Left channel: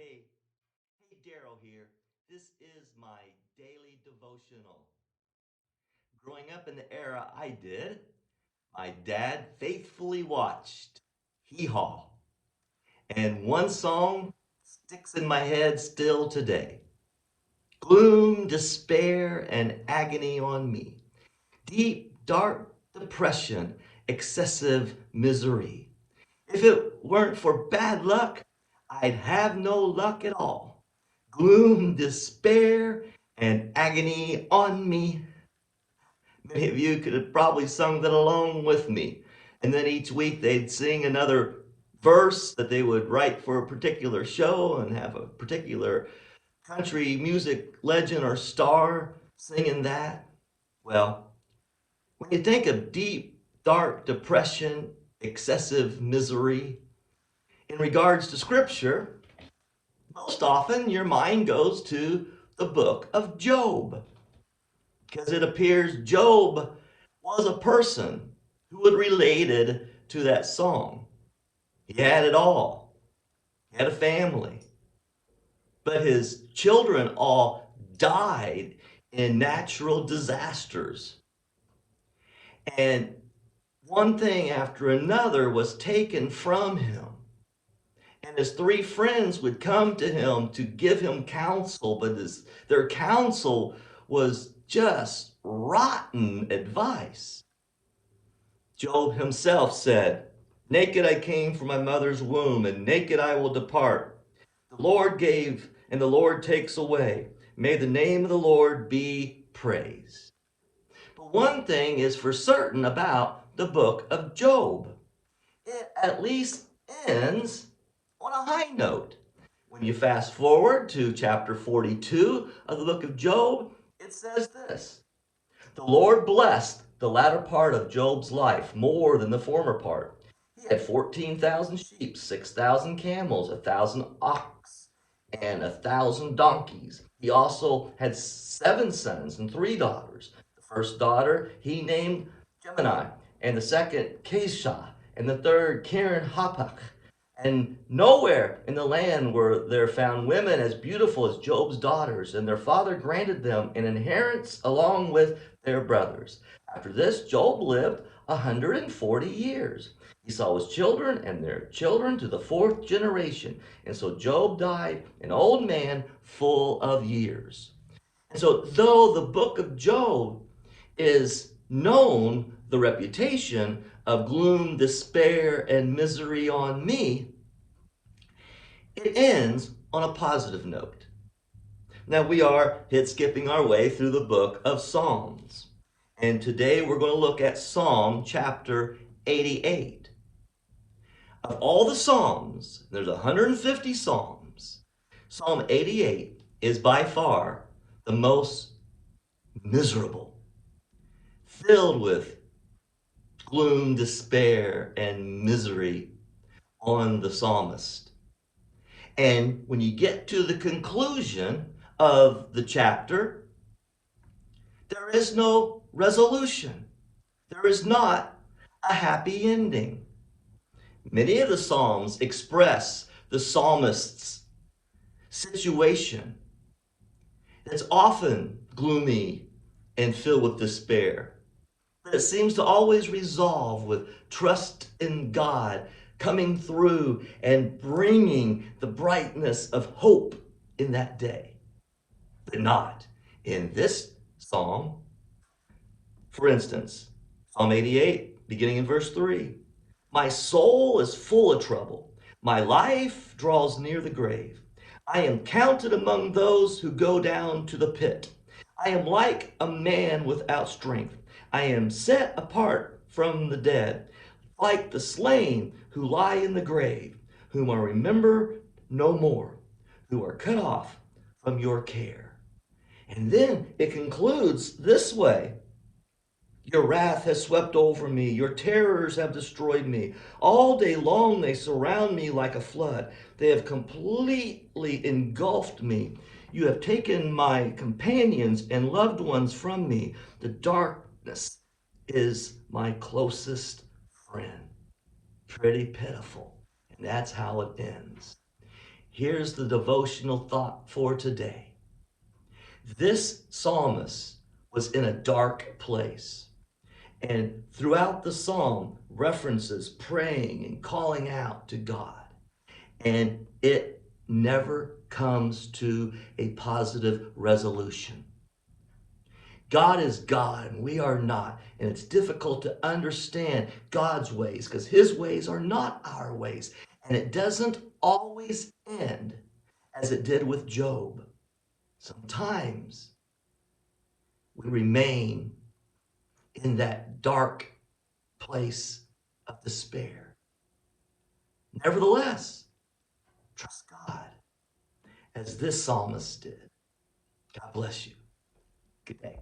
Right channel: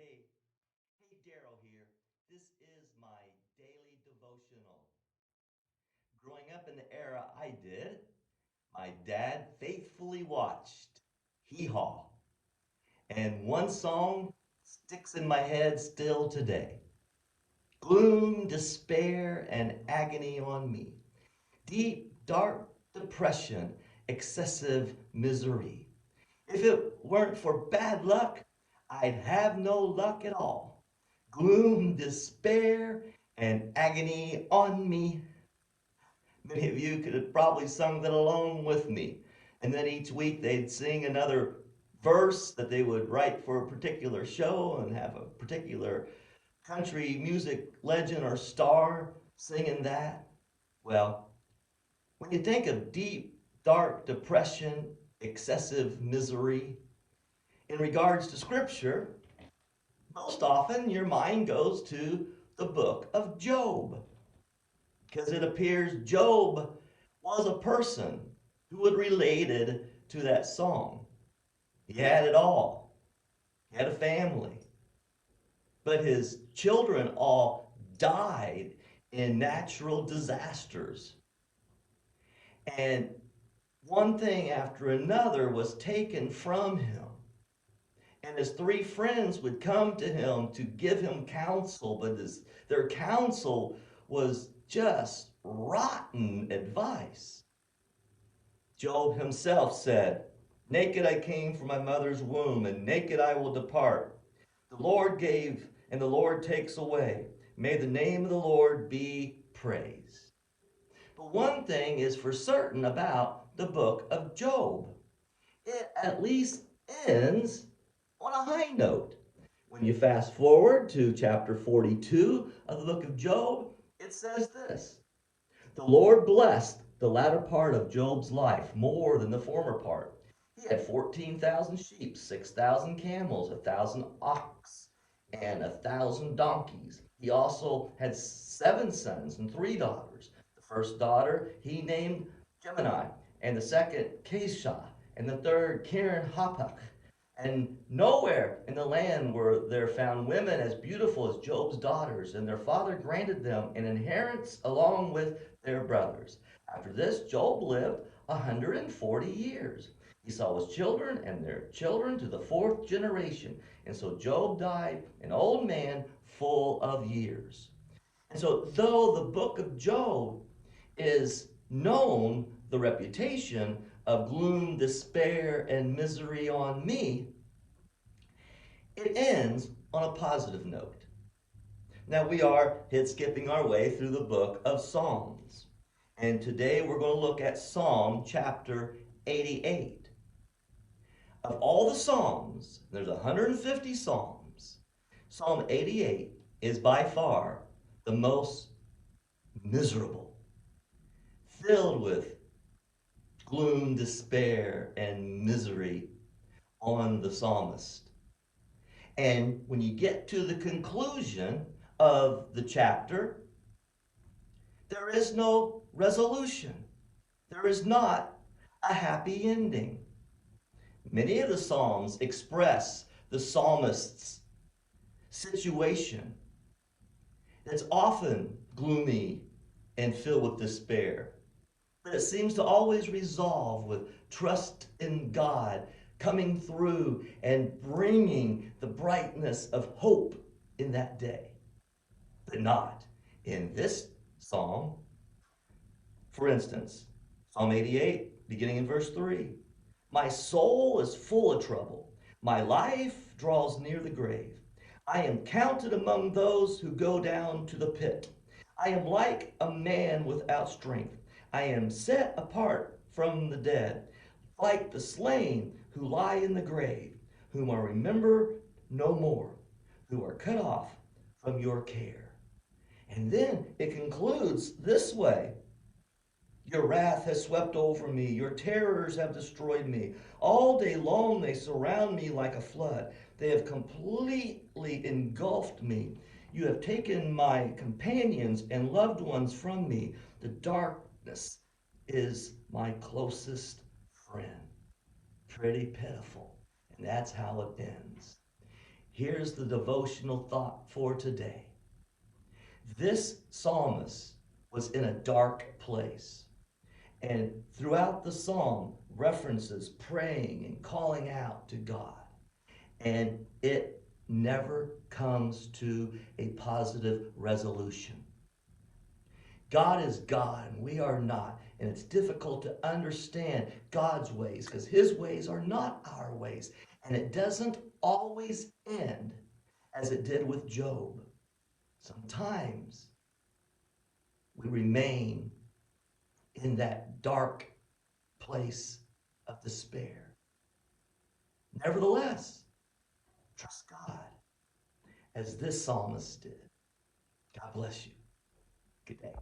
Hey, Daryl here. This is my daily devotional. Growing up in the era I did, my dad faithfully watched Hee Haw, and one song sticks in my head still today. Gloom, despair, and agony on me. Deep, dark depression, excessive misery. If it weren't for bad luck, I'd have no luck at all. Gloom, despair, and agony on me. Many of you could have probably sung that along with me. And then each week they'd sing another verse that they would write for a particular show and have a particular country music legend or star singing that. Well, when you think of deep, dark depression, excessive misery, in regards to scripture, most often your mind goes to the book of Job, because it appears Job was a person who was related to that song. He had it all. He had a family, but his children all died in natural disasters. And one thing after another was taken from him. And his three friends would come to him to give him counsel, but their counsel was just rotten advice. Job himself said, "Naked I came from my mother's womb, and naked I will depart. The Lord gave, and the Lord takes away. May the name of the Lord be praised." But one thing is for certain about the book of Job. It at least ends on a high note. When you fast forward to chapter 42 of the book of Job, it says this: "The Lord blessed the latter part of Job's life more than the former part. He had 14,000 sheep, 6,000 camels, 1,000 ox, and 1,000 donkeys. He also had 7 sons and 3 daughters. The first daughter he named Gemini, and the second Kesha, and the third Karen Hapach. And nowhere in the land were there found women as beautiful as Job's daughters, and their father granted them an inheritance along with their brothers. After this, Job lived 140 years. He saw his children and their children to the fourth generation. And so Job died an old man full of years." And so, though the book of Job is known the reputation of gloom, despair, and misery on me, it ends on a positive note. Now we are skipping our way through the book of Psalms. And today we're going to look at Psalm chapter 88. Of all the Psalms, there's 150 Psalms. Psalm 88 is by far the most miserable, filled with gloom, despair, and misery on the psalmist. And when you get to the conclusion of the chapter, there is no resolution. There is not a happy ending. Many of the Psalms express the psalmist's situation that's often gloomy and filled with despair. But it seems to always resolve with trust in God coming through and bringing the brightness of hope in that day. But not in this psalm. For instance, Psalm 88, beginning in verse 3. "My soul is full of trouble. My life draws near the grave. I am counted among those who go down to the pit. I am like a man without strength. I am set apart from the dead, like the slain who lie in the grave, whom I remember no more, who are cut off from your care." And then it concludes this way: "Your wrath has swept over me. Your terrors have destroyed me. All day long they surround me like a flood. They have completely engulfed me. You have taken my companions and loved ones from me. The darkness is my closest friend." Pretty pitiful. And that's how it ends. Here's the devotional thought for today. This psalmist was in a dark place. And throughout the psalm, references praying and calling out to God. And it never comes to a positive resolution. God is God and we are not. And it's difficult to understand God's ways because his ways are not our ways. And it doesn't always end as it did with Job. Sometimes we remain in that dark place of despair. Nevertheless, trust God as this psalmist did. God bless you. Good day.